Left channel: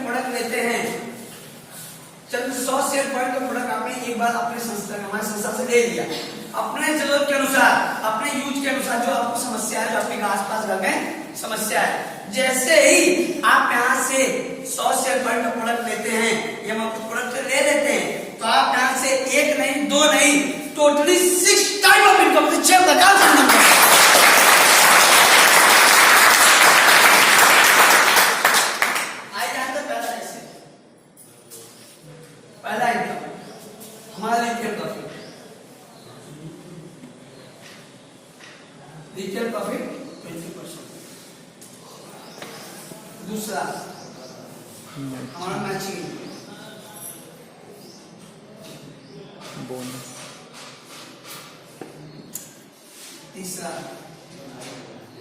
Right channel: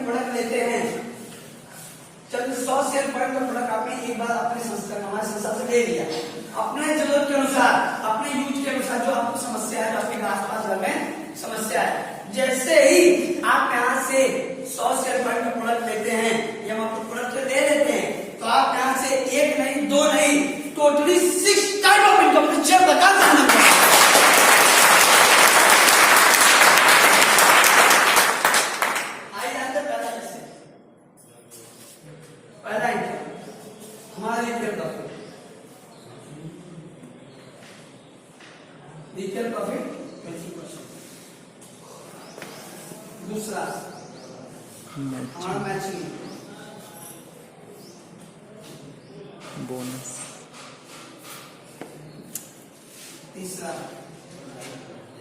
में प्रोडक्ट लेते हैं, जब 100 शेयर पॉइंट का प्रोडक्ट आपने एक बार अपने संस्था हमारे संस्था से ले लिया, अपने जरूरत के अनुसार, अपने यूज के अनुसार, जो आपको समस्या है, जो आपके आसपास घर में समस्या है, जैसे ही आप यहाँ से 100 शेयर पॉइंट का प्रोडक्ट लेते हैं, ये हम आपको प्रोडक्ट ले लेते हैं, तो आप यहाँ से एक नहीं, दो नहीं, टोटली 6 टाइप ऑफ इनकम, 6 प्रकार से इनकम करते हैं। पहला इनकम हमारा रिटेल प्रॉफिट, रिटेल प्रॉफिट 20%। दूसरा हमारा मैचिंग बोनस। तीसरा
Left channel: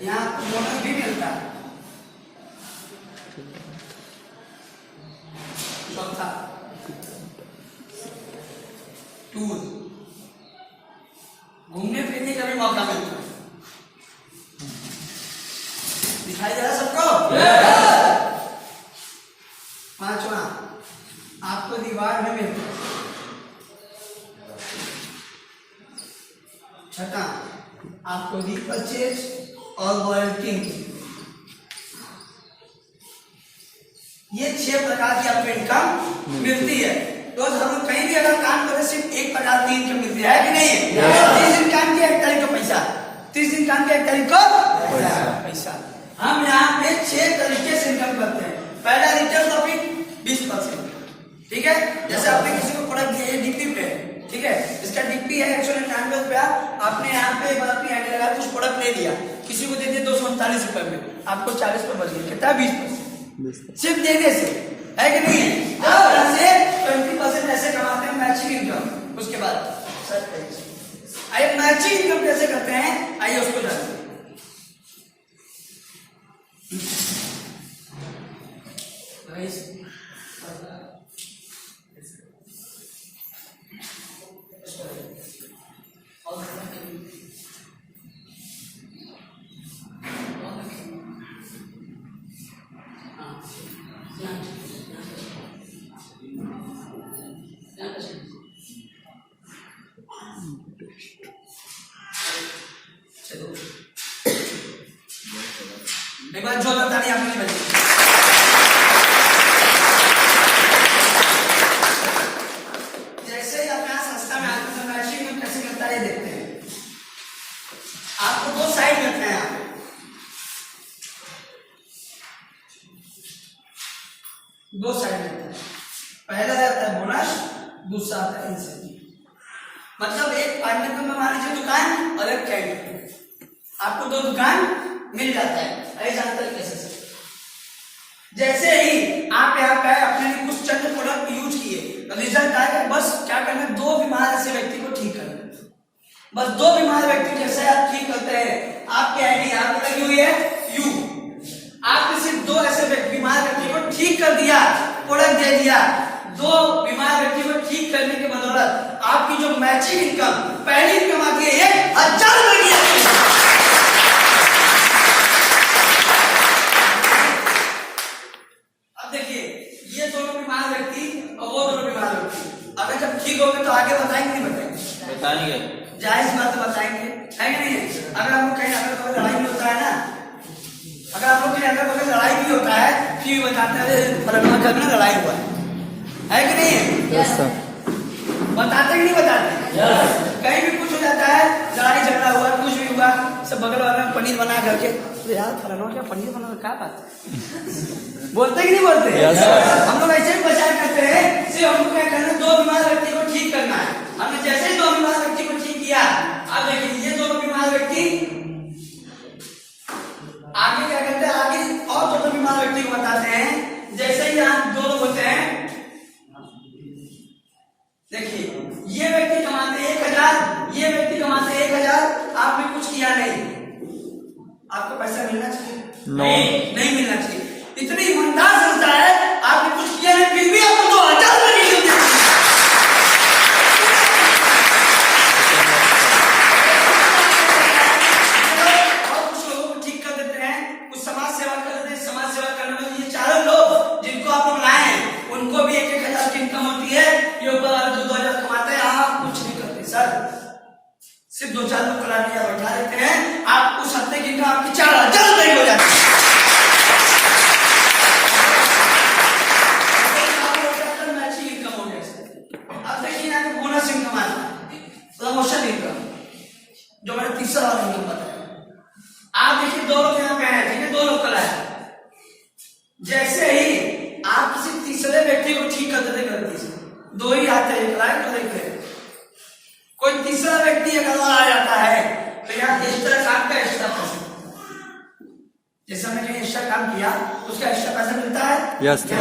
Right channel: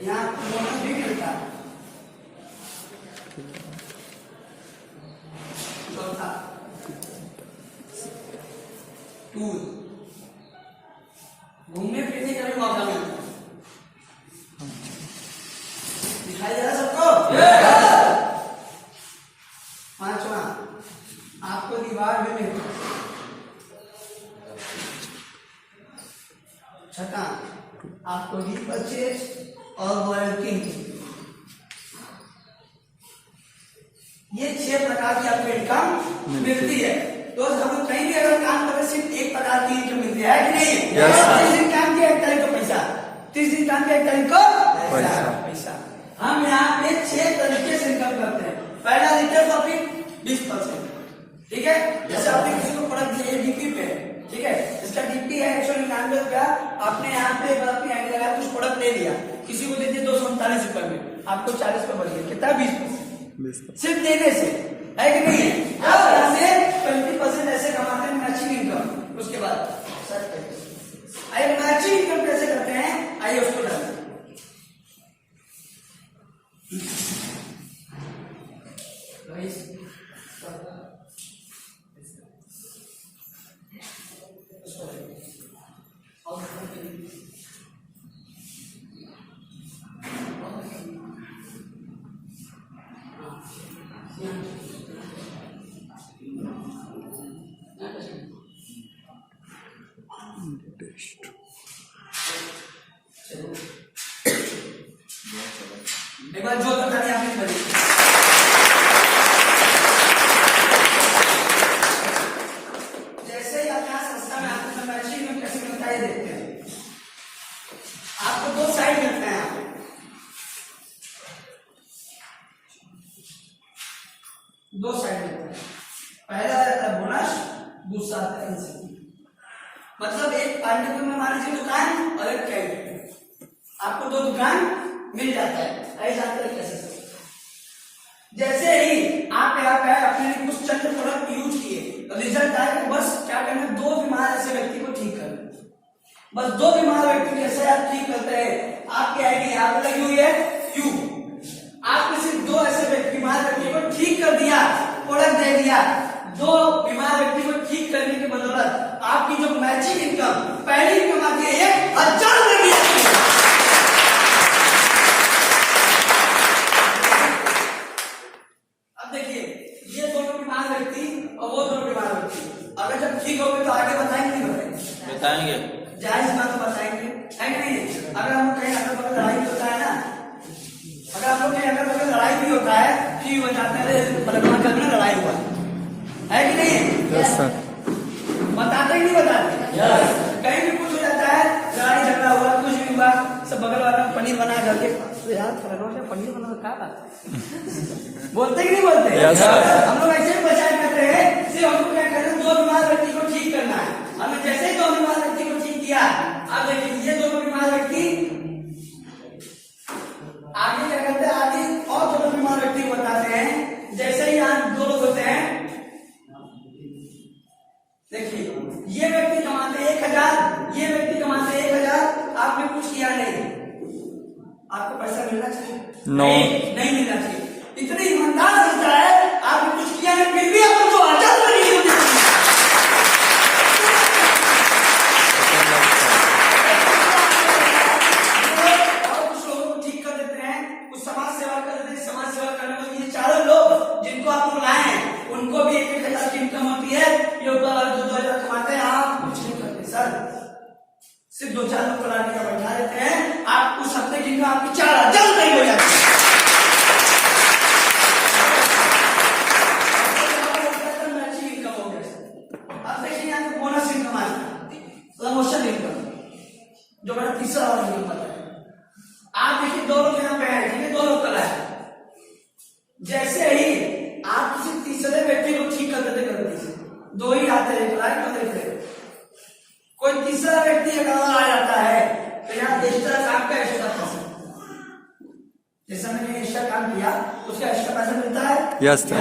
यहाँ बोनस भी मिलता है। चौथा टूर, घूमने फिरने का भी मौका मिलता है। दिखाई दे रहा सबको? पांचवा आपको रिवार्ड भी मिलता है। छठा आपको रीपरचेज और लॉयल्टी, ये 6 प्रकार की आपको इनकम मिलती है। तो हम कहीं भी अगर काम करें सिर्फ एक प्रकार की इनकम मिलती है कि नहीं है? 30 दिन काम किया 1 तारीख को पैसा, 30 दिन काम किया 1 तारीख को पैसा। हम यहाँ पे 6 तरीके से इनकम करते हैं। पहला रिटेल प्रॉफिट 20%, ठीक है। जैसे आपने किसी को प्रोडक्ट दिया डीपी पे, ठीक है, इसका डीपी है 199 रुपया, आपने यहाँ पे ऐड लगा कुछ प्रोडक्ट ले लिया, किसी को दे दिया 239 रुपए में, आपको 40 पर बच गया, कितना 20%, सिर्फ देने से, है कि नहीं है? आप से 20% ऐसे कमाते हैं मैचिंग इनकम। उसके बाद आइए मैचिंग इनकम कैसे करते हैं, आइए उसको जानते हैं। एक बार जो ताली आपने बजाई। जैसे ही अपना संस्था में आते हैं मैचिंग में कैसे मिलता है ये देखते हैं। आपको 2 साइड मिलते हैं, यहाँ पे 2 साइड मिलते हैं। पहला रहता है बोनस, दूसरा आता है इंसेंटिव। मतलब एक पार्टनर में मान लीजिए दुकान और एक कैंटीन, आपको 2 दुकान मिल जाता है। ऐसे जानते हैं कैसे? जैसे ही आप यहाँ पे अपने लिए कुछ चंद प्रोडक्ट यूज किए, रिजल्ट आएगा, बस क्या करना है, 2 बीमार ऐसे व्यक्ति को ठीक करना। बस 2 बीमार व्यक्ति जैसे आप ठीक करते हैं, आपकी आईडी यहाँ पे लगी हुई है यू, आपने सिर्फ 2 ऐसे बीमार व्यक्ति को ठीक कर दिया, प्रोडक्ट दे दिया। 2 बीमार व्यक्ति को ठीक करने के बदौलत आपकी जो मैचिंग इनकम पहली इनकम आती है 1000 रुपए की। ये दोनों बीमार व्यक्ति और वो दोनों बीमार व्यक्ति अगर जब ठीक हो गए तो आगे बताएंगे नहीं बताएंगे? जायज बात तो बताएंगे, है कि नहीं? अगर हम कहीं अगल बगल लड़ाई भी होता है ना, अगर आप लोग कहीं अगल बगल लड़ाई भी होता है कि बताते हैं करना लड़ाई हुआ है कि नहीं? बताते ही नहीं बताते। कहीं भी कुछ हो जाता है, लड़ाई झगड़ा हुआ, कुछ भी हुआ, सब बगल वाला पनीर बना करके यार क्या पनीर बना क्या बात बोलते कि नहीं बोलते? हम लोग ऐसे ही पहचान करते हैं। सिर्फ हमको क्या करना है, 2 बीमार व्यक्ति को ठीक करना है। हमने जैसे ही 2 बीमार व्यक्ति को ठीक किया, अब देखिए ये 2 बीमार व्यक्ति आगे क्या करते हैं, आगे और 2 बीमार व्यक्ति को बताते हैं। जैसे ही यहाँ 2 लोग होते हैं, देखिए ये व्यक्ति कमाते 1000, ये व्यक्ति कमाते 1000, आपने कुछ किया नहीं, आपको पैसा मिलना चाहिए? नहीं मिलना चाहिए। इतनी ईमानदार संस्था है, आपने कुछ किया नहीं फिर भी आपको 2000 रुपए और कुछ लोगों को ठीक कर देते हैं, कुछ समाज सेवा कर देते हैं। समाज सेवा करने वाले ये चारों लोग जिनको आप लोग लाए की इनकम होती है, ये ऊपर वाले 2,000 कमाते हैं, आप कुछ नहीं करते सर, सिर्फ 2-4 लोग कलाड़ियां बैठा देते हैं, आप उस हफ्ते की इनकम आपकी 4,000 रुपये हो जाती है। मैचिंग इनकम हो गया सर। अब देखिए यहाँ पे बोनस इनकम आता है, प्रमोशन इनकम, जो मैंने तीसरा वाला इनकम बताया। आप देखिए 2 लोग यहाँ पे हैं, ठीक है, 2 लोग कला है, जैसे ही आप किसी तीसरे व्यक्ति को ठीक कर देते गलती से, 2 ही आते हैं, एक लाइक और एक फेल, कोई तीसरा व्यक्ति अगर आ जाता है तो यहाँ एक्स्ट्रा काम का एक्स्ट्रा पैसा, जैसे हमने एक्स्ट्रा काम किया उसका एक्स्ट्रा पैसा मिलता है, एक्स्ट्रा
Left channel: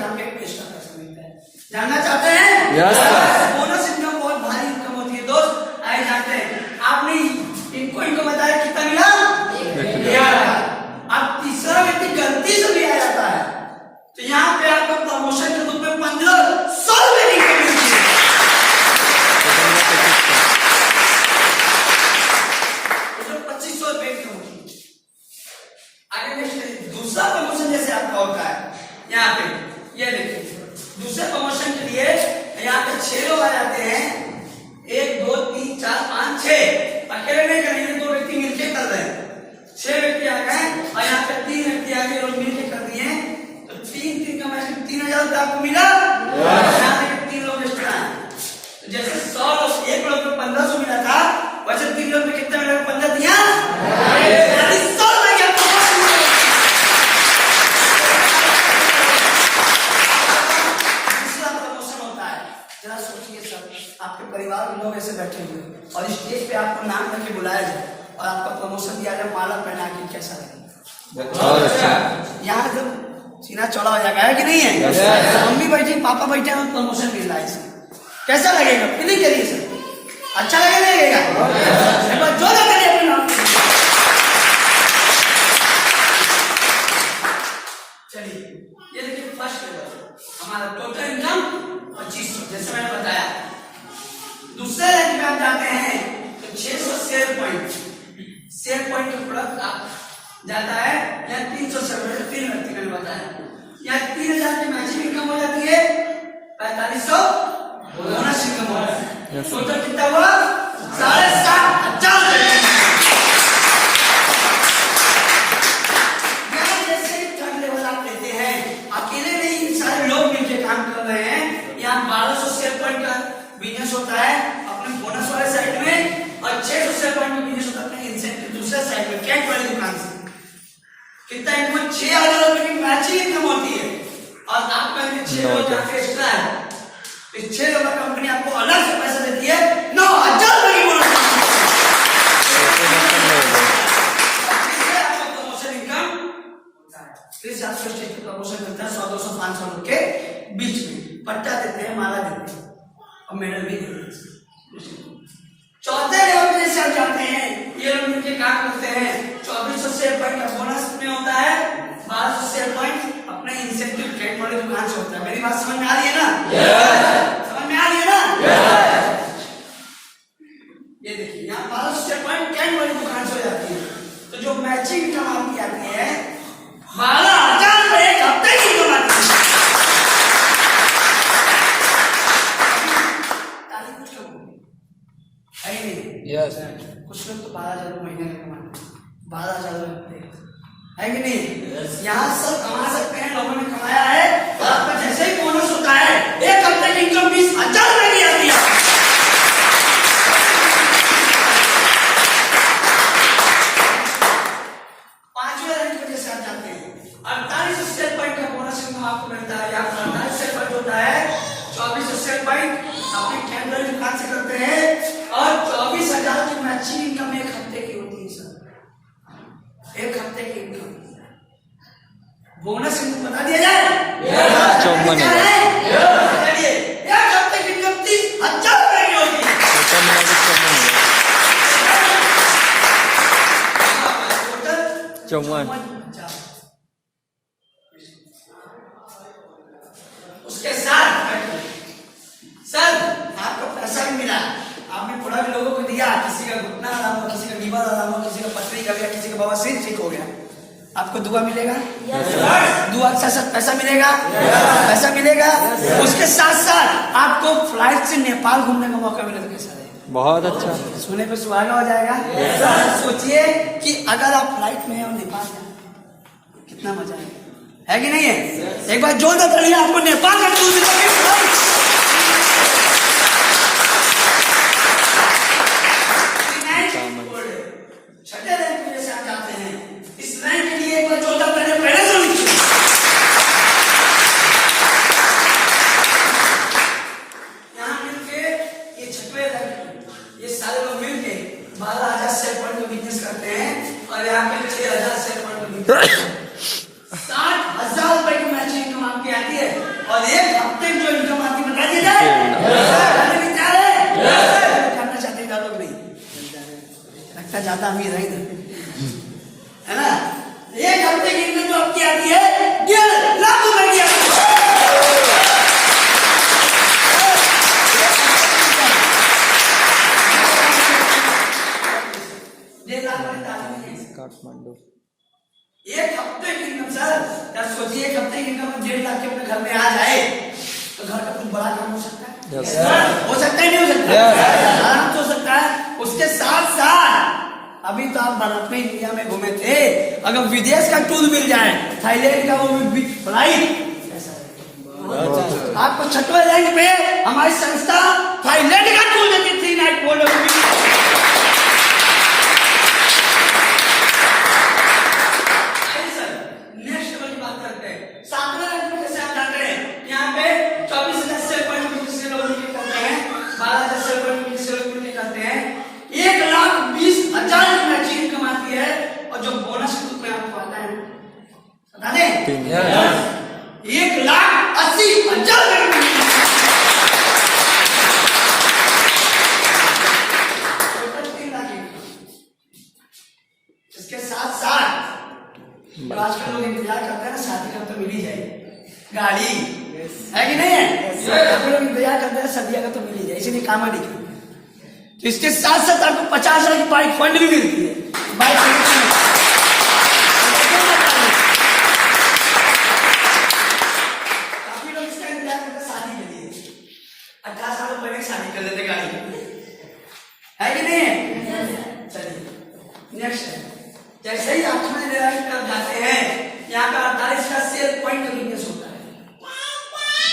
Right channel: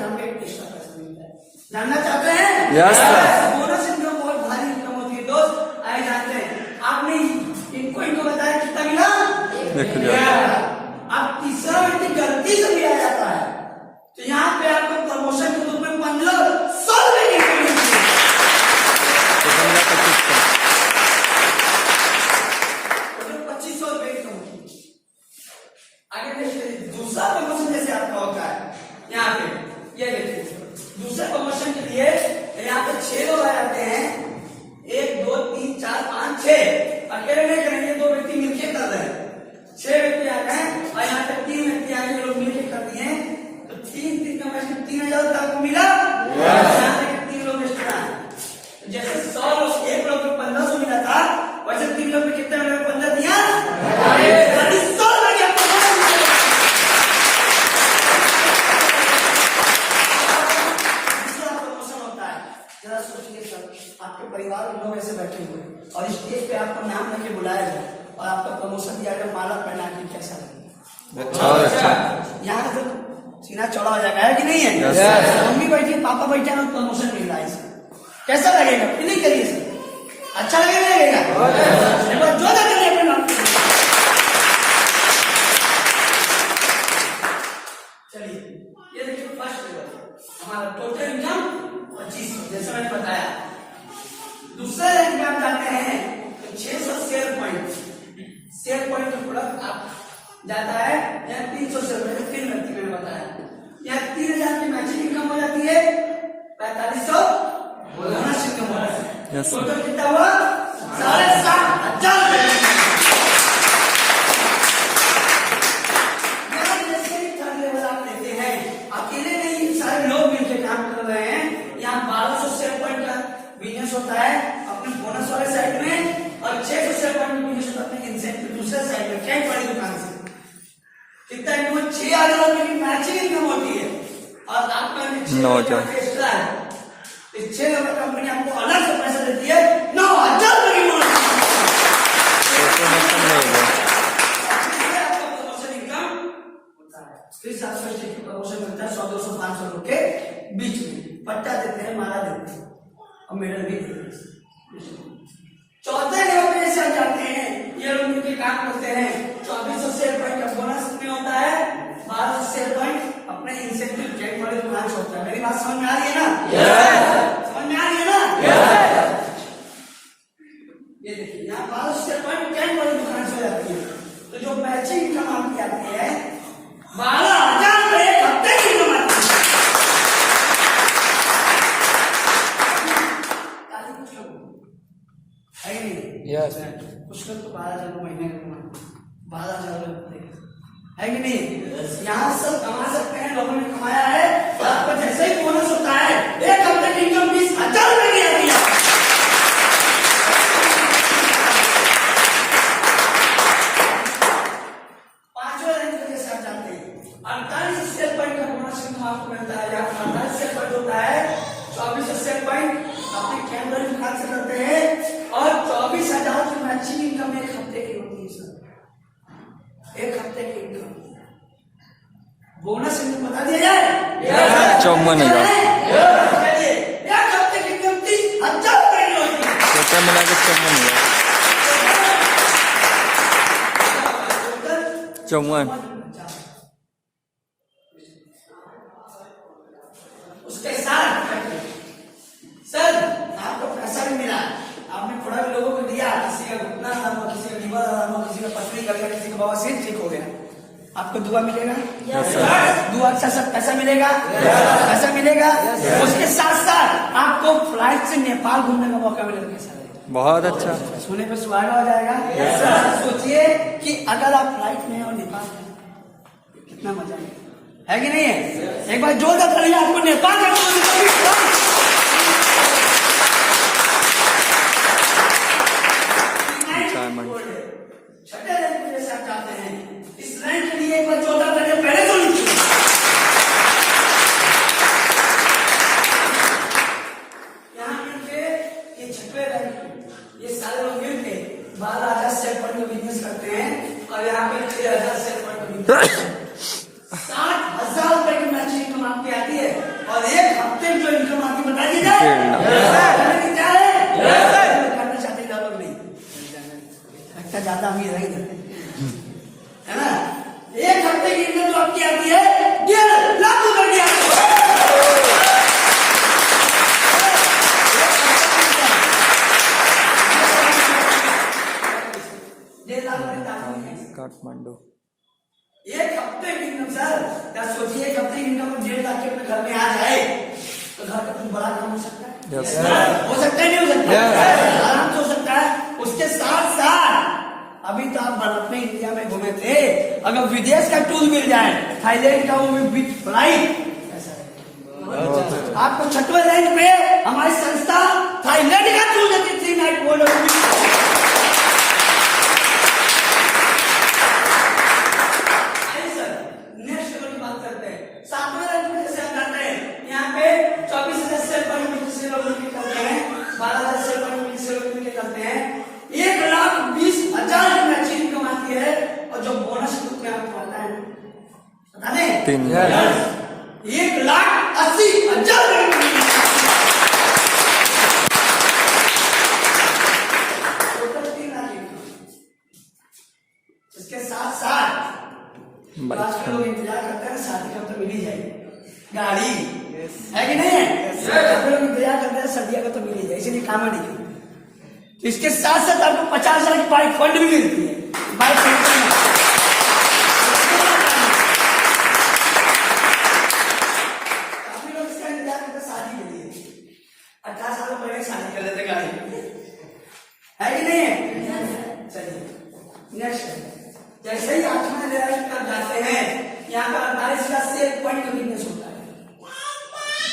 काम के एक्स्ट्रा पैसा मिलता है। जानना चाहते हैं? बोनस इनकम बहुत भारी इनकम होती है दोस्त, आए जाते हैं। आपने इनको बताया कितना मिला? अब तीसरा व्यक्ति गलती से भी आ जाता है तो यहाँ पे आपको प्रमोशन के रूप में 1,500 रुपए की इनकम मिलती है। तो 2,500 रुपए की होती है। आगे देखिए दूसरा प्रमोशन जैसे आपका होता है, यहाँ पे ये देखिए दूसरे प्रमोशन के लिए यहाँ पे 6 लोग आ जाते हैं, 1 2 3 4 5 6, अकेले नहीं करेंगे, 2 व्यक्ति मिलकर कर रहे हैं, 6 व्यक्ति आ गए और यहाँ पे 3 व्यक्ति आ गए, लोग मिलकर कर दिए, तो 3 का मैच 3,000 आपको मिला। यहाँ पे 3 लोग एक्स्ट्रा हैं, तो जैसे 100 लोग, 1 लोग को 1,500 मिला था, वैसे 3 लोग में कितना मिलेगा? 15 दिया 1,000 जरा सोचिए सर, आपके परिवार में लोग ऐसे बैठे हुए और स्टेज पे आपको नाम लेके बुलाया जाए और आपका प्रमोशन दिया जाए माला पहना के, कैसा लगेगा? यहाँ तो सीना चौड़ा हो जाएगा, है कि नहीं है? मम्मी बैठी, पापा बैठे हैं, प्रमोशन मिल रहा है, कैसा लगेगा? फीलिंग करिए सर, अच्छा लगेगा? जो करिए अपने नाम। चलिए ये देखिए फर्स्ट लेवल हमारा टोटल इनकम 2,500, जैसे मैंने बताया। दूसरे रैंक में आप जाते हैं तो 600 शेयर पॉइंट का प्रोडक्ट आप जाता है, यहाँ 300 शेयर पॉइंट, 3 व्यक्ति मैंने बताया, यहाँ 3,000 की मैचिंग इनकम हो जाती है, 4,500 बोनस इनकम हो जाती है, टोटल कितना हुआ? 7,500। अकेले नहीं, सारे लोग मिलकर काम कर रहे हैं। यहाँ 1,200 शेयर पॉइंट का बिजनेस होता है अपने बोनस वाले साइड में, और 600 शेयर पॉइंट का बिजनेस होता है अपने इंसेंटिव दूसरे साइड में, कैश वाली दुकान से। कितना इनकम? 6,000 रुपए की मैचिंग इनकम होती है, और आपका 6,000 एक्स्ट्रा है, इस 6,000 का कंपनी आपको अलग से पैसा देती है, 9,000 रुपए की बोनस। फिर से आपको स्टेज पे प्रमोशन मिलता है 100-200 500 लोग के बीच में, पट्टा देते हैं, माला देते हैं और मेडल भी देते हैं। चौथे लेवल पे जैसे आप जाते हैं, ये लोग मिलकर काम करते हैं, 2,400 शेयर पॉइंट का बोनस में होता है, 1,200 शेयर पॉइंट अपने इंसेंटिव ट्रेड वाली दुकान से होता है। मेरी बात समझ में आ रही है ना? समझ में आ रही है ना? ये देखिए यहाँ 1,200 शेयर पॉइंट कैन वाली दुकान से हो जाती है, तो जो मैचिंग इनकम आपकी आती है 12,000 रुपए एक हफ्ते की कमाती है। कुछ कम है नहीं? कुछ लोग तो 12,000 महीने में कमाते, 12,000 है कि नहीं? यहाँ सब कमा सकते हैं, लोगों ने कमाया है, और आपका जैसे ही बोनस होता है, एक हफ्ते की इनकम 20,000 रुपए की आती है। आपको मिलता है, या 48 शेयर पॉइंट होता है, 2400 शेयर पॉइंट अपने कैमरे दुकान से करते हैं, और 24,000 की मैचिंग इनकम एक हफ्ते की होती है सर, एक हफ्ते की इनकम। बोनस इनको बता दिया जाए, 54,000 एक हफ्ते की इनकम 30,000 रुपए की होती है। टोटल 54। उसके साथ सर आपको पैसा भी मिला, आपने थोड़ा भी लोगों को दिया, किसी का घुटना आराम हो, किसी का लीवर आराम हो, किसी का पथरी कर गया, किसी का बवासीर ठीक हो गया, आपको दुआ मिलेगा, यस सर। दुआ के साथ पैसा मिलेगा, पैसा मिलेगा। उसके साथ साथ आपको फ्लाइट से नेपाल घूमने का मौका मिले तो कैसा रहेगा? बहुत अच्छा, सोने पे सुहागा हो जाएगा। सोचिए कि अगर आप फ्लाइट में और नेपाल में कितना मजा है कि नहीं है? एक बार जोरदार तालियां आपको नेपाल का टूर मिलेगा। छठे रैंक में जैसे आप जाते हैं, इस रैंक के लिए एक बार जोरदार तालियां पहले तो लीजिए। यहाँ मिलके ये छठवे रैंक, ये सारे लोग मिलके 12,000 शेयर पॉइंट का बिजनेस करते हैं और यहाँ पे 6,000 शेयर पॉइंट का बिजनेस 60,000 रुपए की मैचिंग इनकम आपकी आती है। और एक हफ्ते में जो इनकम आती है बता दी जाए, करना चाहते हैं लोग नहीं, लगता ज्यादा अमीर है इधर, है ना? एक हफ्ते की इनकम जो आपकी आती है 1.5 लाख रुपए की आती है। काठमांडू एक हफ्ते की इनकम सर, या सोचिए एक हफ्ते की इनकम 1.5 लाख के अपने घर में आ जाए तो घर का कुछ बड़ा काम हो सकता है? यस हो सकता है, नहीं हो सकता? आराम से हो सकता है। उसके साथ साथ अभी तो आप अपने इंडिया में घूमे थे, अगर विदेश का टूर मिल जाए, थाईलैंड का, वो भी विद फ्लाइट, आपको छठवें रैंक पे हमारी संस्था थाईलैंड का टूर देती 3 नाइट बोलो। नेक्स्ट लेवल की बात करते हैं, 7वें रैंक में कैसे आप जाते हैं? यहाँ पे 24,000 शेयर पॉइंट से लोग करते हैं, 12,000 शेयर पॉइंट से लोग करते हैं, 1,20,000 की मैचिंग इनकम आती है। और जो बोनस ग्रुप में आपको आता है बता दें, 1,80,000 टोटल 3 लाख। इसके साथ साथ आजकल लोग इंतजार करते हैं ना, शादी का तो मिल ही जाए, गाड़ी है कि नहीं है? काफी लोग इंतजार करते हैं सदिया का तो मिल ही जाए, इसलिए काम नहीं करते। तो इसके साथ साथ आपको 50,000 की बाइक फंड भी मिलती है। बाइक काफी लोग इसका इंतजार करते हैं शादी के लिए, 18 साल पहले शादी कर लेते गाड़ी, है कि नहीं है? चलिए नेक्स्ट, जैसे ही आप समझ कर जाते हैं, यहाँ पर 48,000 शेयर पॉइंट का बिजनेस होता है,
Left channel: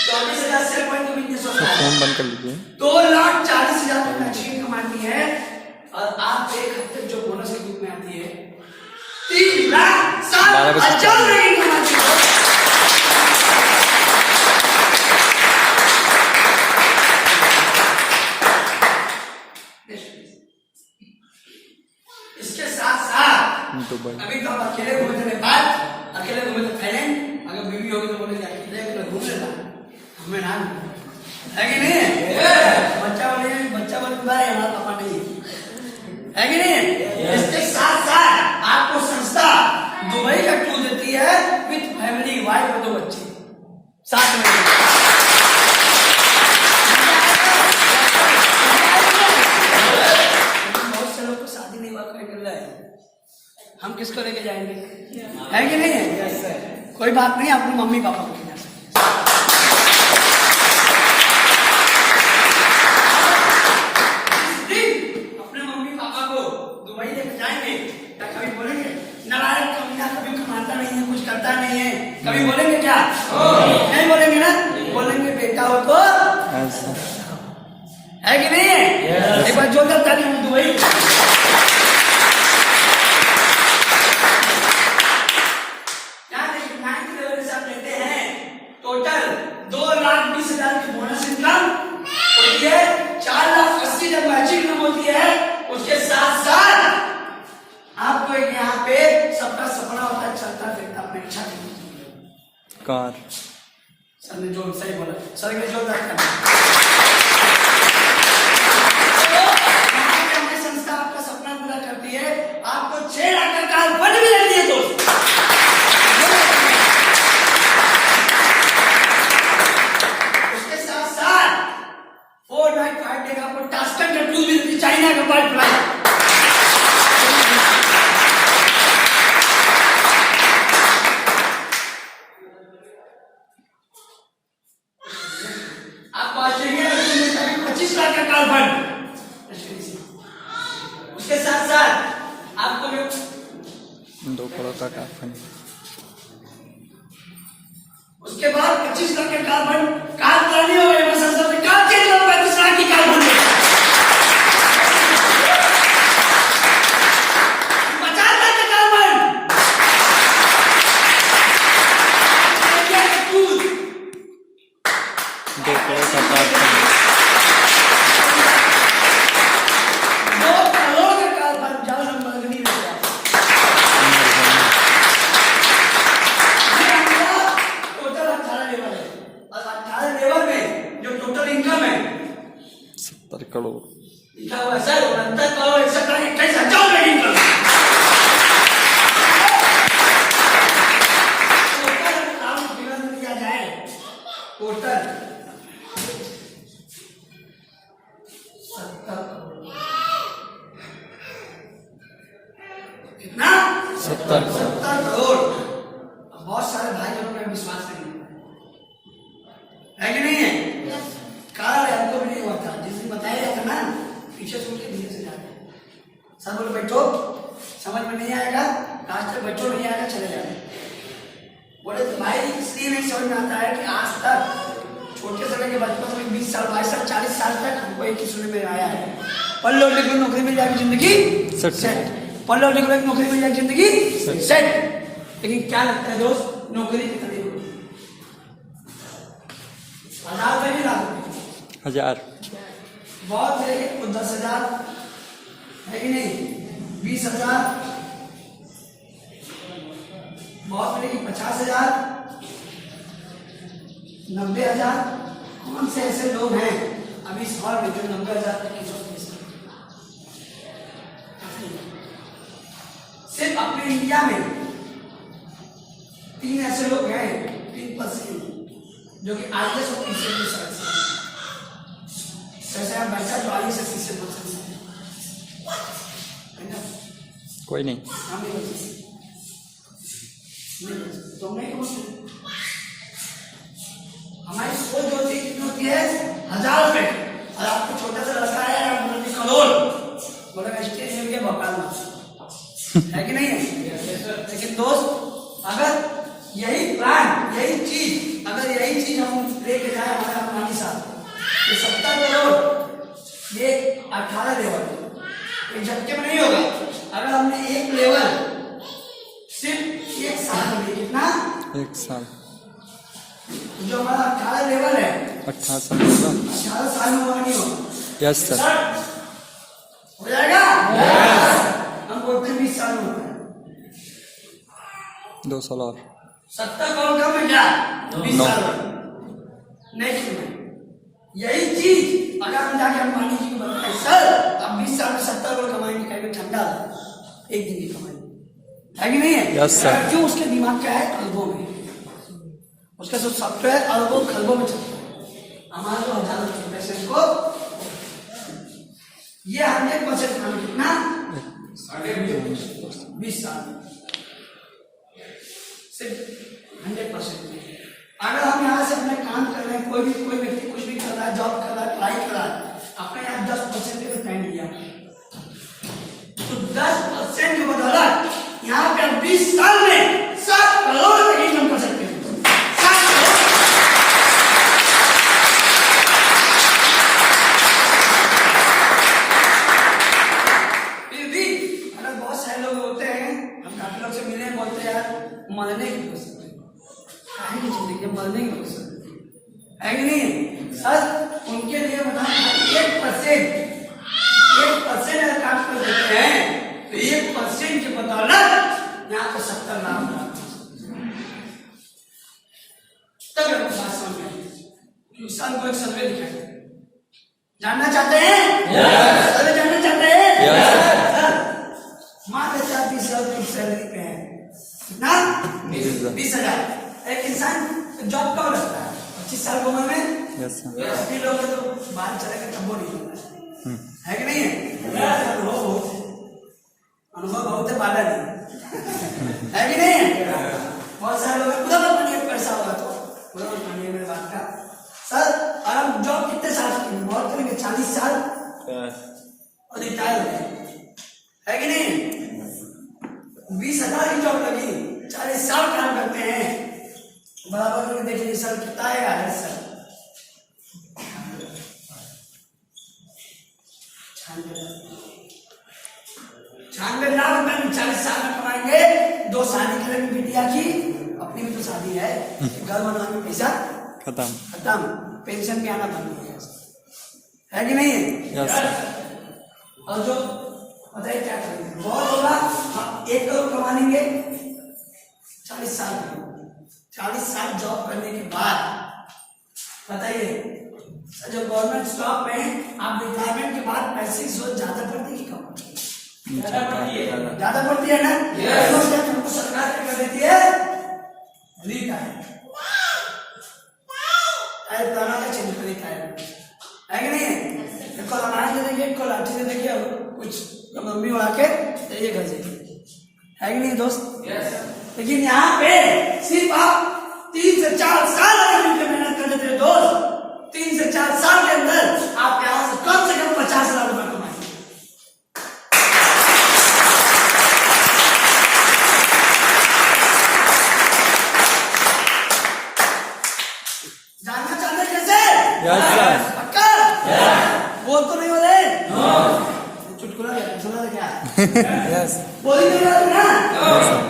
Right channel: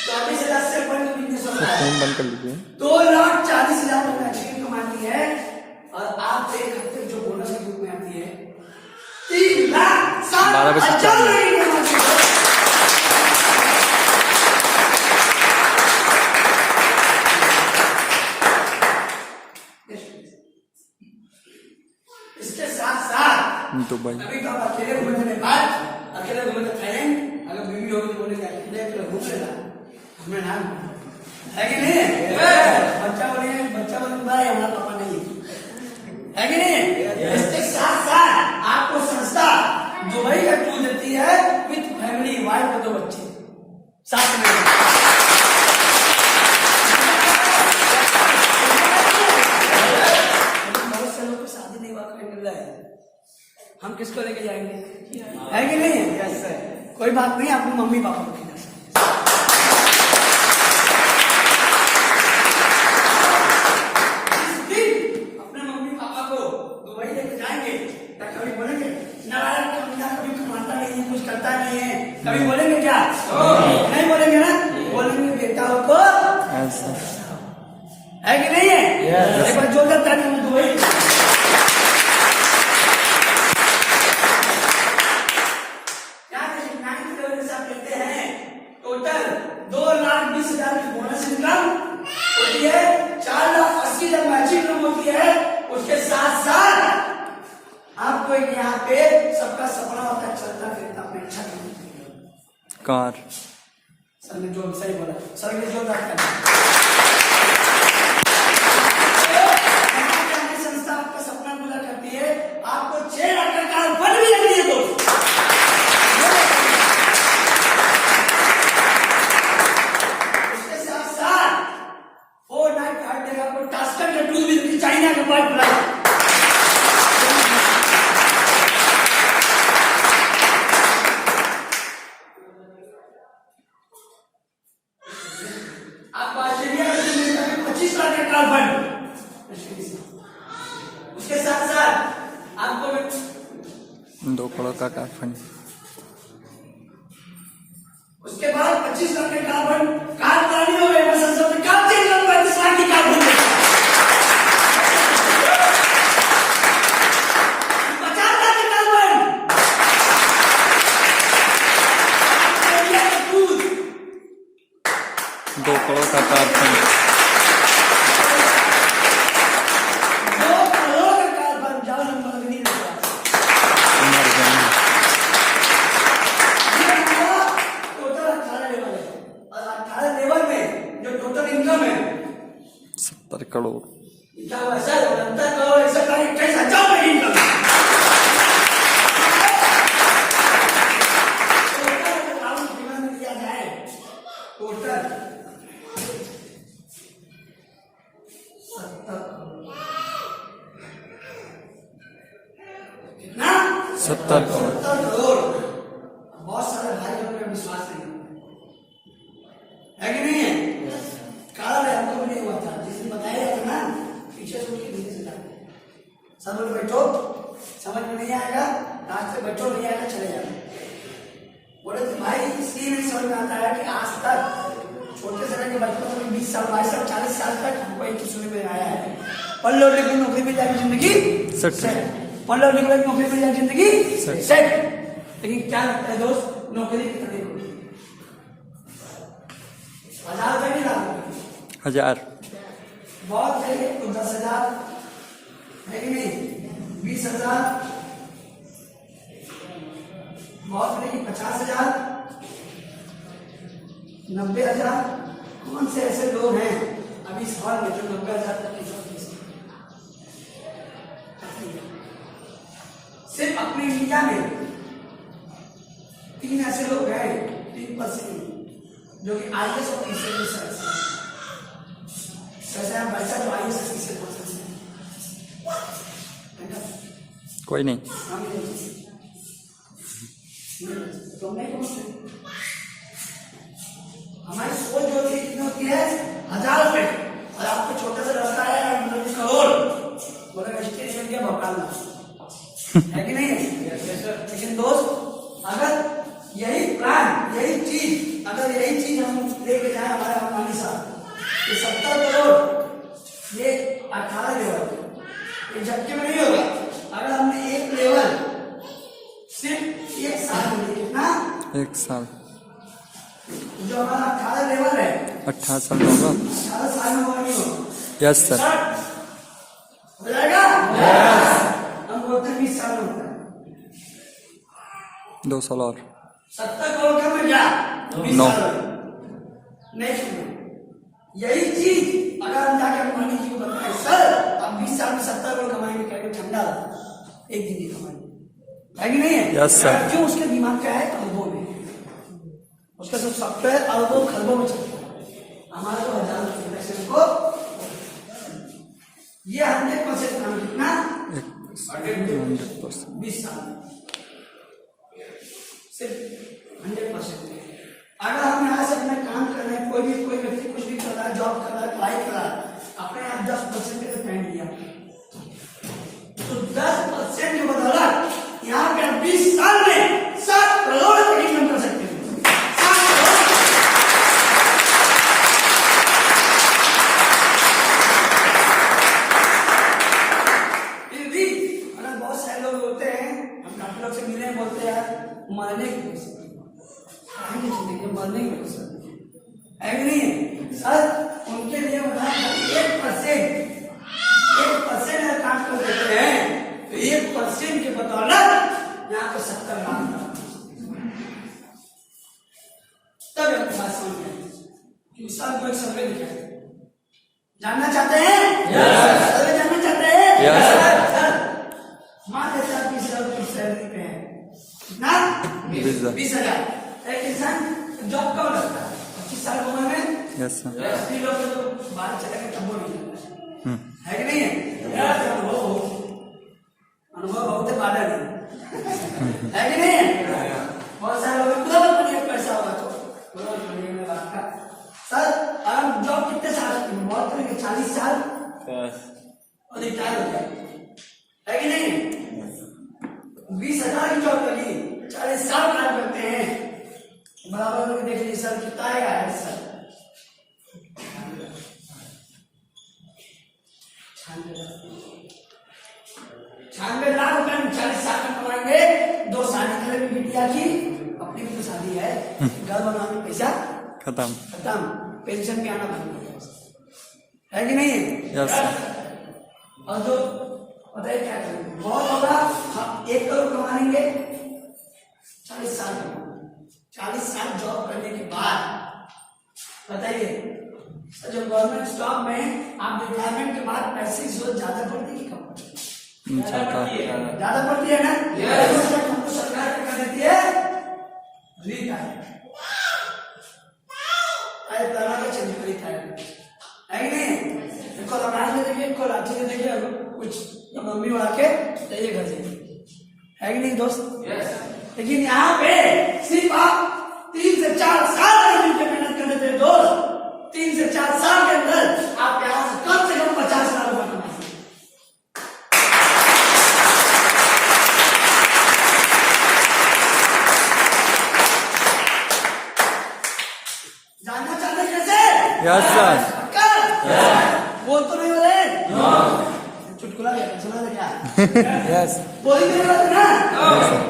24,000 शेयर पॉइंट का बिजनेस होता है, फोन बंद कर लीजिए, 2,40,000 की मैचिंग कमाती है। और आप एक हफ्ते जो बोनस के रूप में आती है 3,60,000 की कमाती है। इसके साथ साथ दुबई, अभी तो आप अकेले घूमे थे नेपाल, अकेले घूमे थे थाईलैंड, अगर बीवी होगी तो बोलेंगे अकेले घूम लेना, हमें ना है कि नहीं है? बच्चा बोले भाई हमारा पापा नहीं है कि नहीं है? इसके साथ साथ आपको संस्था दुबई का टूर देती है विद फैमिली, वाइफ और 2 बच्चे साथ में। बहुत से लोग को शादी नहीं हुआ, कोई मिल रहा है, हम किसको लेके जाएंगे? है कि नहीं है? कोई बात नहीं, अपने मम्मी पापा को लेके जा सकते हैं। अपने मम्मी पापा को दुबई लेके जाएंगे, क्या कभी बोलेंगे नारायण कमीना कभी कमाता नहीं है, कुछ करता नहीं है, कभी बोलेंगे क्या? नहीं बोलेंगे ना, बोलेंगे बेटा हो तो है कि नहीं है? एक बार जोरदार तालियां हम दुबई। टोटल 2,20,000 की बोनस इनकम होती है, 4,80,000 मैचिंग इनकम होती है। उसके साथ साथ आपको यहाँ पे सबका सपना होता है चलता फिरता अपनी इच्छा की कार। सर ने जो सही बोला, सर ने जोरदार करना। संस्था आपका सपना पूरा करती है, आपको 6 लाख का कार फंड भी देती है दोस्त। उसके साथ साथ 4 नाइट 5 डे आपको टास्कन का टूर भी देती, चाइना का पाइपलाइन। आपको ऑस्ट्रेलिया में 25 लाख का काल फंड। उसके साथ साथ आपको 2 करोड़ का काल फंड। उसके बाद 25 लाख का काल फंड काल पुरानी हो गई, संसद में काल चेंज हो 25 लाख की काल फंड 50 लाख का काल फंड 2 करोड़ का काल फंड। 2 करोड़ का काल फंड जाओ नंबर नहीं रहता। ये हमारा टोटल 18 लेवल है और 18 लेवल में जो टोटल इनकम है 70 करोड़। लिखा हुआ है सर 69 करोड़ 28,000 में इनकम टोटल 70 करोड़। कितना? 70 करोड़। 70 करोड़। बहुत सारे भाई बहनों में विश्वास नहीं है कि नहीं है? कारण है हमको भी नहीं हुआ था, जिस दिन बताया था ना पीछे सुन के धीरे से जाए। सब लोग बैठो, समझ में नहीं आएगा आज तक बैठो, नहीं आएगा चले जाओ। बोले तो भाई इसलिए नहीं समझ में आता है कि आज तक छोटे समय के बचपन में 20 साल 22 साल 40 साल तक हमको एक ही सुनने में आया है पढ़ लो लिख लो नौकरी मिल जाएगी जिंदगी सेट, पढ़ लो लिख लो नौकरी मिल जाएगी जिंदगी सेट। लेकिन क्या लगता है दोस्त, नौकरी कितनी होगी? 1000 रुपये भी लाख 1000 बहुत है, 10,000 है कि नहीं? 20,000 बहुत मिलेगी, 50,000 90,000। कौन से ऐसे लोग हैं अभी इस हॉल में जो 90,000 तक की जॉब दे सकते? सिर्फ अपने इंडिया में 3 ऐसे लोग हैं, 3% जो कि IAS और PCS आप बच्चा जो IAS और PCS कोई नहीं। तुम नहीं पहुंचते। हमारी सोच जो होती है कितनी होती है 1000 रुपए, और आपको छोटा सा रास्ता है करोड़, बोलेगा स्टेज मिल गया भोपाल है कि नहीं है? लेकिन दोस्त अगर यही प्लान यही चीज हम लेके जाए हमारे अंबानी साहब, ये 70 करोड़ ये 18 लेवल एक झटके में नहीं होगा। अगर हमने एक लेवल सिर्फ 1 साल में कितना 1 साल जो हमारा 18 लेवल है 18 साल होगा। 18 साल में हुआ नहीं होगा। यस सर हो जाएगा। हम बोलते 20 साल में होता है। 2 साल और 70 करोड़ कम है क्या? 20 साल में नहीं सुना। यही चीज अगर हम जाके अंबानी जी को बताएं सर अब 20 साल में 70 करोड़ कमाएंगे, कहेंगे ठंडा एक दिन की कमाएंगे, है कि नहीं है? Yes sir. क्यों? उसके दिमाग क्या है अरबों में, उसका सब सॉफ्टवेयर अरबों खरबों में चलता है। हमारे तो 1000 पैसे को ये 100% काम कितना 20 साल में सिर्फ 100%। अगर हम यहाँ से अपने काम कर रहे हैं, कोई व्यक्ति कुछ भी कर रहा है, जॉब कर रहा है, पढ़ाई कर रहा है, अपने यहाँ 10% पे टाइम दिया तो 10% की बदौलत यहाँ पे 20 साल में 7 करोड़ तक इनकम कर सकते हैं। 7 करोड़। फिर भी अगर बहुत सारे लोग होते हैं, हम काफी लोग से मिले बोलते हैं यार मरने की कोशिश की जिंदगी मरने की कोशिश है कि नहीं है? सर उनके लिए बताएं 1% अगर काम कर देते हैं तो 1% के बदौलत यहाँ पे 70 लाख तब बात समझ में इंसान को एक सर्वे दिखाए। जानना चाहते हैं? सर्वे जानना चाहते हैं? मात्र 30,000 की सैलरी पे है कितना 20,000। एक इंसान जॉब कब लगता है 25 साल की उम्र में। Yes sir. लोग तो बाहर चलेगा तब वो नहीं लगता है कि नहीं है? अनुभव बहुत है बाला नहीं है कि नहीं है? बहुत सारे लोग पैसा होगा तो में बात का सर और हम जॉब कितने साल से करेंगे? बहुत करेंगे 40 साल और रिटायर हो गए, है कि नहीं? 20,000 की जॉब लगी, 40 साल काम करते हैं, बराबर करके देख लीजिए सर कितना आएगा है सर? 96 लाख रुपए में 40 साल में कमाएंगे। 2 शादी करेंगे बिटिया की, अपनी भी तो शादी है, घर बनवाने पैसा खत्म। खत्म, पेंशन पे आना बंद हो गया, है कि नहीं है? Yes sir. और जो बताइए क्या करेंगे? बहुत होगा, हम 1 करोड़ कमा लेंगे 40 साल में। 40 साल जॉब करने के बाद बताइए सर, जो गवर्नमेंट स्टॉक में आप रिटायरमेंट के बाद पैसे की जरूरत ज्यादा पड़ती है कि कम? ज्यादा पड़ती है ना? हमको सरकार क्या कर देती है? है कि नहीं? एक को लमाज दे देंगे, एक को लाठी दे देंगे और कुछ मम्मी उड़ा के ये घर से, है कि नहीं दोस्त? लेकिन यहाँ पे सिर्फ आप 3 से 4 साल अगर मिलकर मेहनत कर देते दोस्त, 3 से 4 साल के अंदर आप यहाँ से कम 50 लाख रुपए कमाएंगे। जानना चाहते कैसे? Yes sir. पक्का? बोल तो नहीं वाले? चुटकुला सुना था क्या? यस बोली नहीं वाले ना? Yes sir.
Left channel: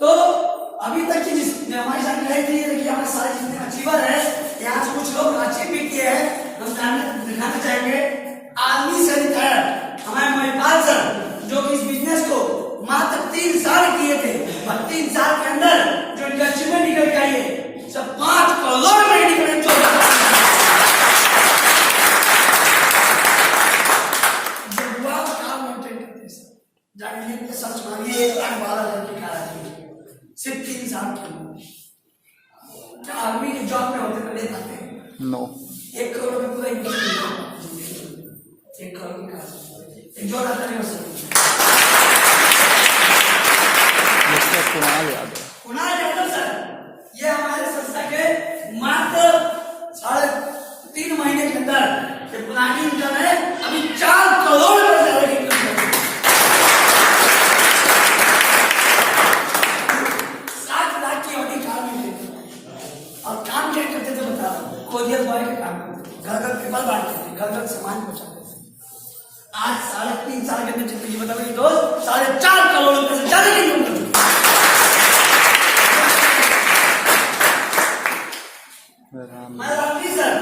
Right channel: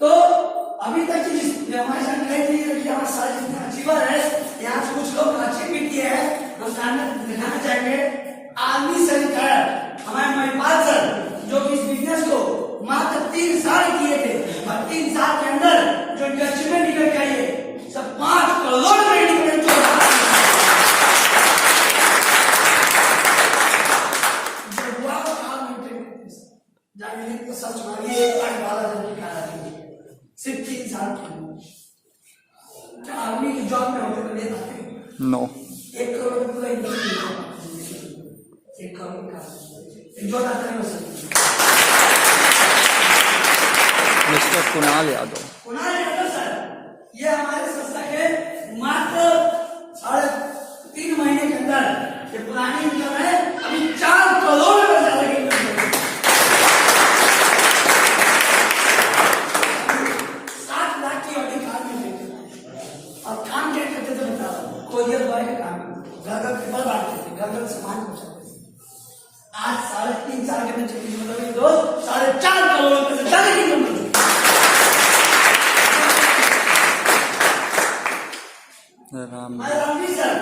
तो अभी तक की जो हमारी जानकारी दी है कि हमारे सारे जितने अचीवर है, यहाँ से कुछ लोग अचीव भी किए हैं, हम दिखाना चाहेंगे। आर्मी से रिटायर हमारे महिपाल सर, जो कि इस बिजनेस को मात्र 3 साल किए थे, और 3 साल के अंदर जो इनका अचीवमेंट निकल के आई है सब 5 करोड़ में निकले। जानिए सर्च मारिए, सिर्फ 3 साल के अंदर क्या आर्मी की जॉब में होते ले पाते हैं? नो। 1 करोड़ में पूरा इंडिया 1 करोड़ में एक जो आता नहीं हो सकती। कुणाल यादव। कुणाल यादव सर, ये हमारे संस्था के मात्र 3.5 महीने के अंदर ये पुरानी इनकम है, अभी 4 करोड़ रुपए से ज्यादा की इनकम है। 60 लाख की ऑडी कार में लेते और काम क्या करते थे बताओ? कोरियर बॉय का काम करते, घर घर पेपर बांटते थे, घर घर सामान पहुंचाते थे। आज 3.5 साल के अंदर जिंदगी बदल गई दोस्त, 4.5 करोड़ रुपए से ज्यादा की इनकम करते। रामजी सर,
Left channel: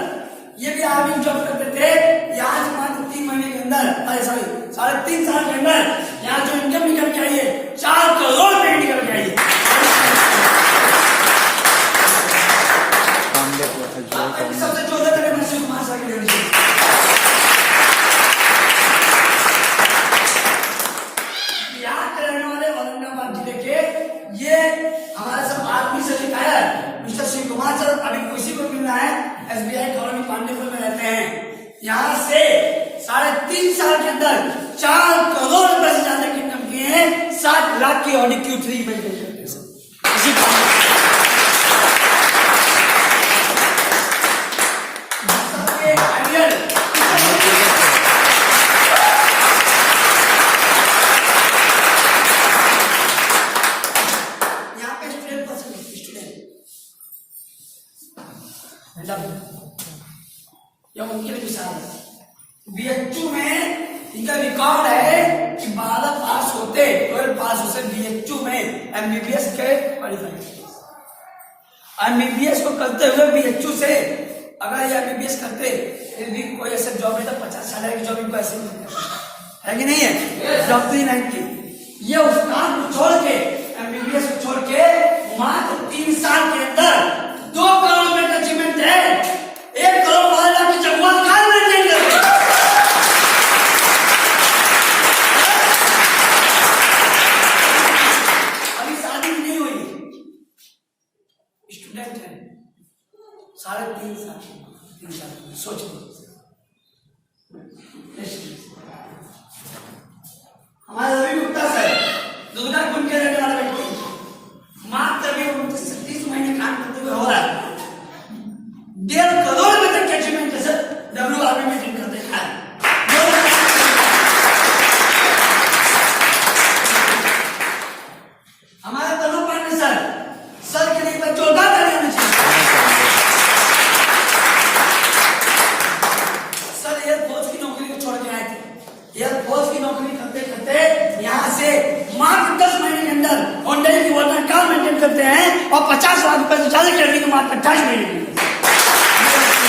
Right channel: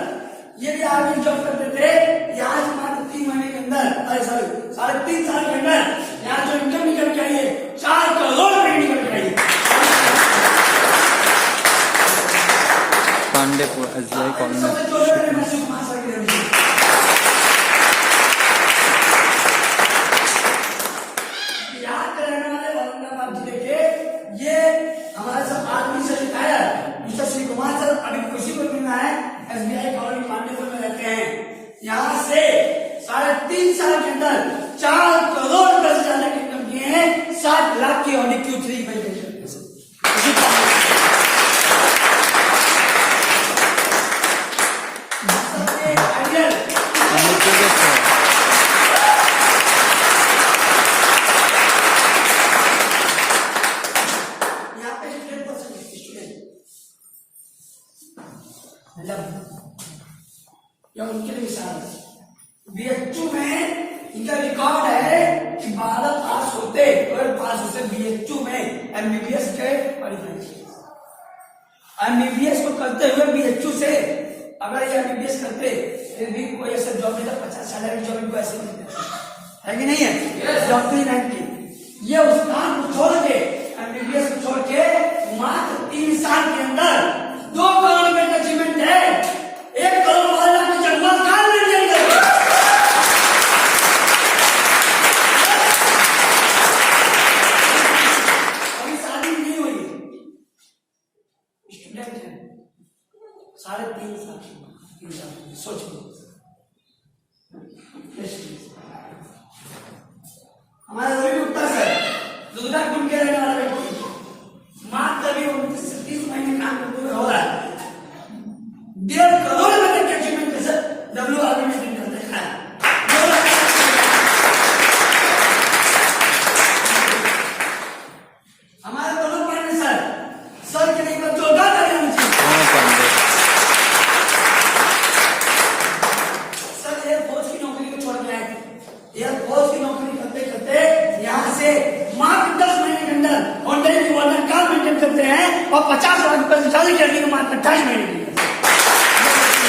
ये भी आर्मी जॉब करते थे, यहाँ से मात्र 3 महीने के अंदर, अरे सॉरी 3.5 साल के अंदर यहाँ जो इनकम निकल के आई है 4 करोड़ रुपए निकल के आई है। सबसे जोड़े करें मैं शिव कुमार सर के लिए बिहार के रहने वाले औरंगाबाद जिले के, ये हमारा सब आर्मी से लिखाया है मिस्टर शिव कुमार सर, अभी किसी को मिलना है, SBI कॉलोनी पांडेपुर में रहते हैं। यहाँ से 3.5 साल के अंदर 4 करोड़ रुपए से ज्यादा की इनकम किए हैं। 60 लाख की ऑडी Q3 में करते या उनके लिए मिसाल है। BHU में इनका रिकॉर्ड है कि 12 पास होते 12 पास होते BHU में MBBS के क्वालिफाई, MBBS को करते हुए BHU से अगर ये MBBS करते फिर भी कोई ऐसा जॉब नहीं था, 50 साल की जॉब इनको ऐसे नहीं है कि नहीं है? डॉक्टरी रैंक की ये उस काम को छोड़ के MBBS को छोड़ के मात्र 3 साल के अंदर 2 करोड़ में अचीवमेंट है। 1 करोड़ 12 लाख की जगह कहां मिल जाएंगे? अभी शादी नहीं हुई, स्टूडेंट है, 3.5 साल सोच लो। हमारा रवि गुप्ता सर दुर्गा कुंड के रहने वाला व्यक्ति, मात्र भी 30 महीने काम करते हुए हो रहा है, मात्र 28 महीने की उम्र से।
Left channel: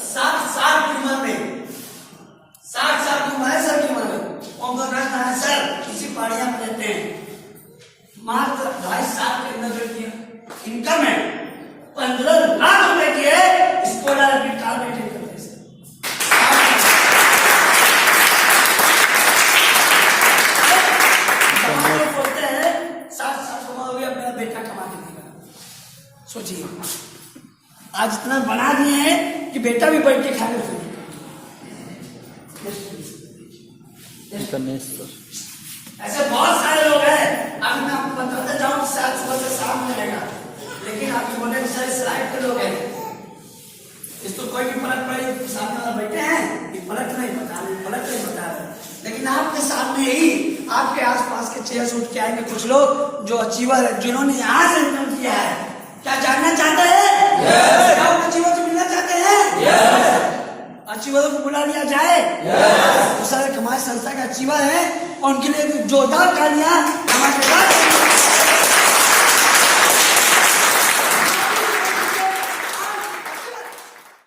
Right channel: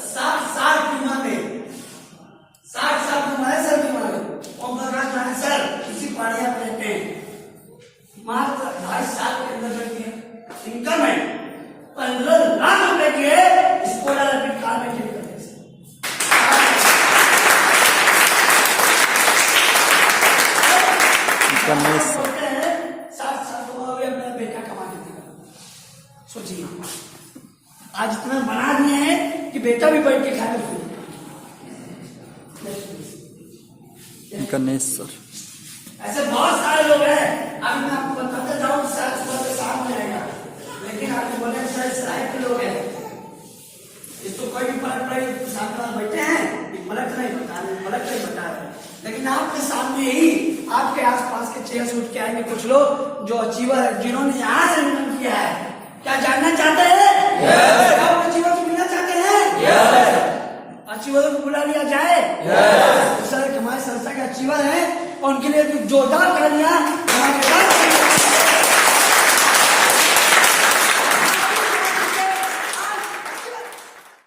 60 साल की उम्र में 60 साल की उम्र है सर की उम्र में ओम प्रकाश नारायण सर इसी पहाड़िया में रहते हैं। मात्र 2.5 साल के अंदर की इनकम है 15 लाख रुपए की है। इसको डायरेक्ट कार में ठीक करते हैं सर। गणेश बोलते हैं 60 साल की उम्र में अपना बेटा कमा के देगा। सोचिए आज इतना बना दिए हैं कि बेटा भी बैठ के खाने को गणेश सर ऐसे बहुत सारे लोग हैं। अभी मैं आपको बताता जाऊं शायद सुबह से शाम में रहेगा, लेकिन आप बोले सर सराय के लोग हैं इसको कोई भी फर्क पड़े सामने वाला बैठे हैं फर्क नहीं बता रहे, लेकिन आपके सामने ही आपके आसपास के चेयर उठ के आएंगे कुछ लोग जो अचीवर है जिन्होंने यहाँ से इनकम किया है। क्या जानना चाहते हैं? क्या अचीवर से मिलना चाहते हैं? अचीवरों को बुला लिया जाए। तो सर हमारे संस्था के अचीवर हैं और उनके लिए जोरदार तालियां हमारे साथ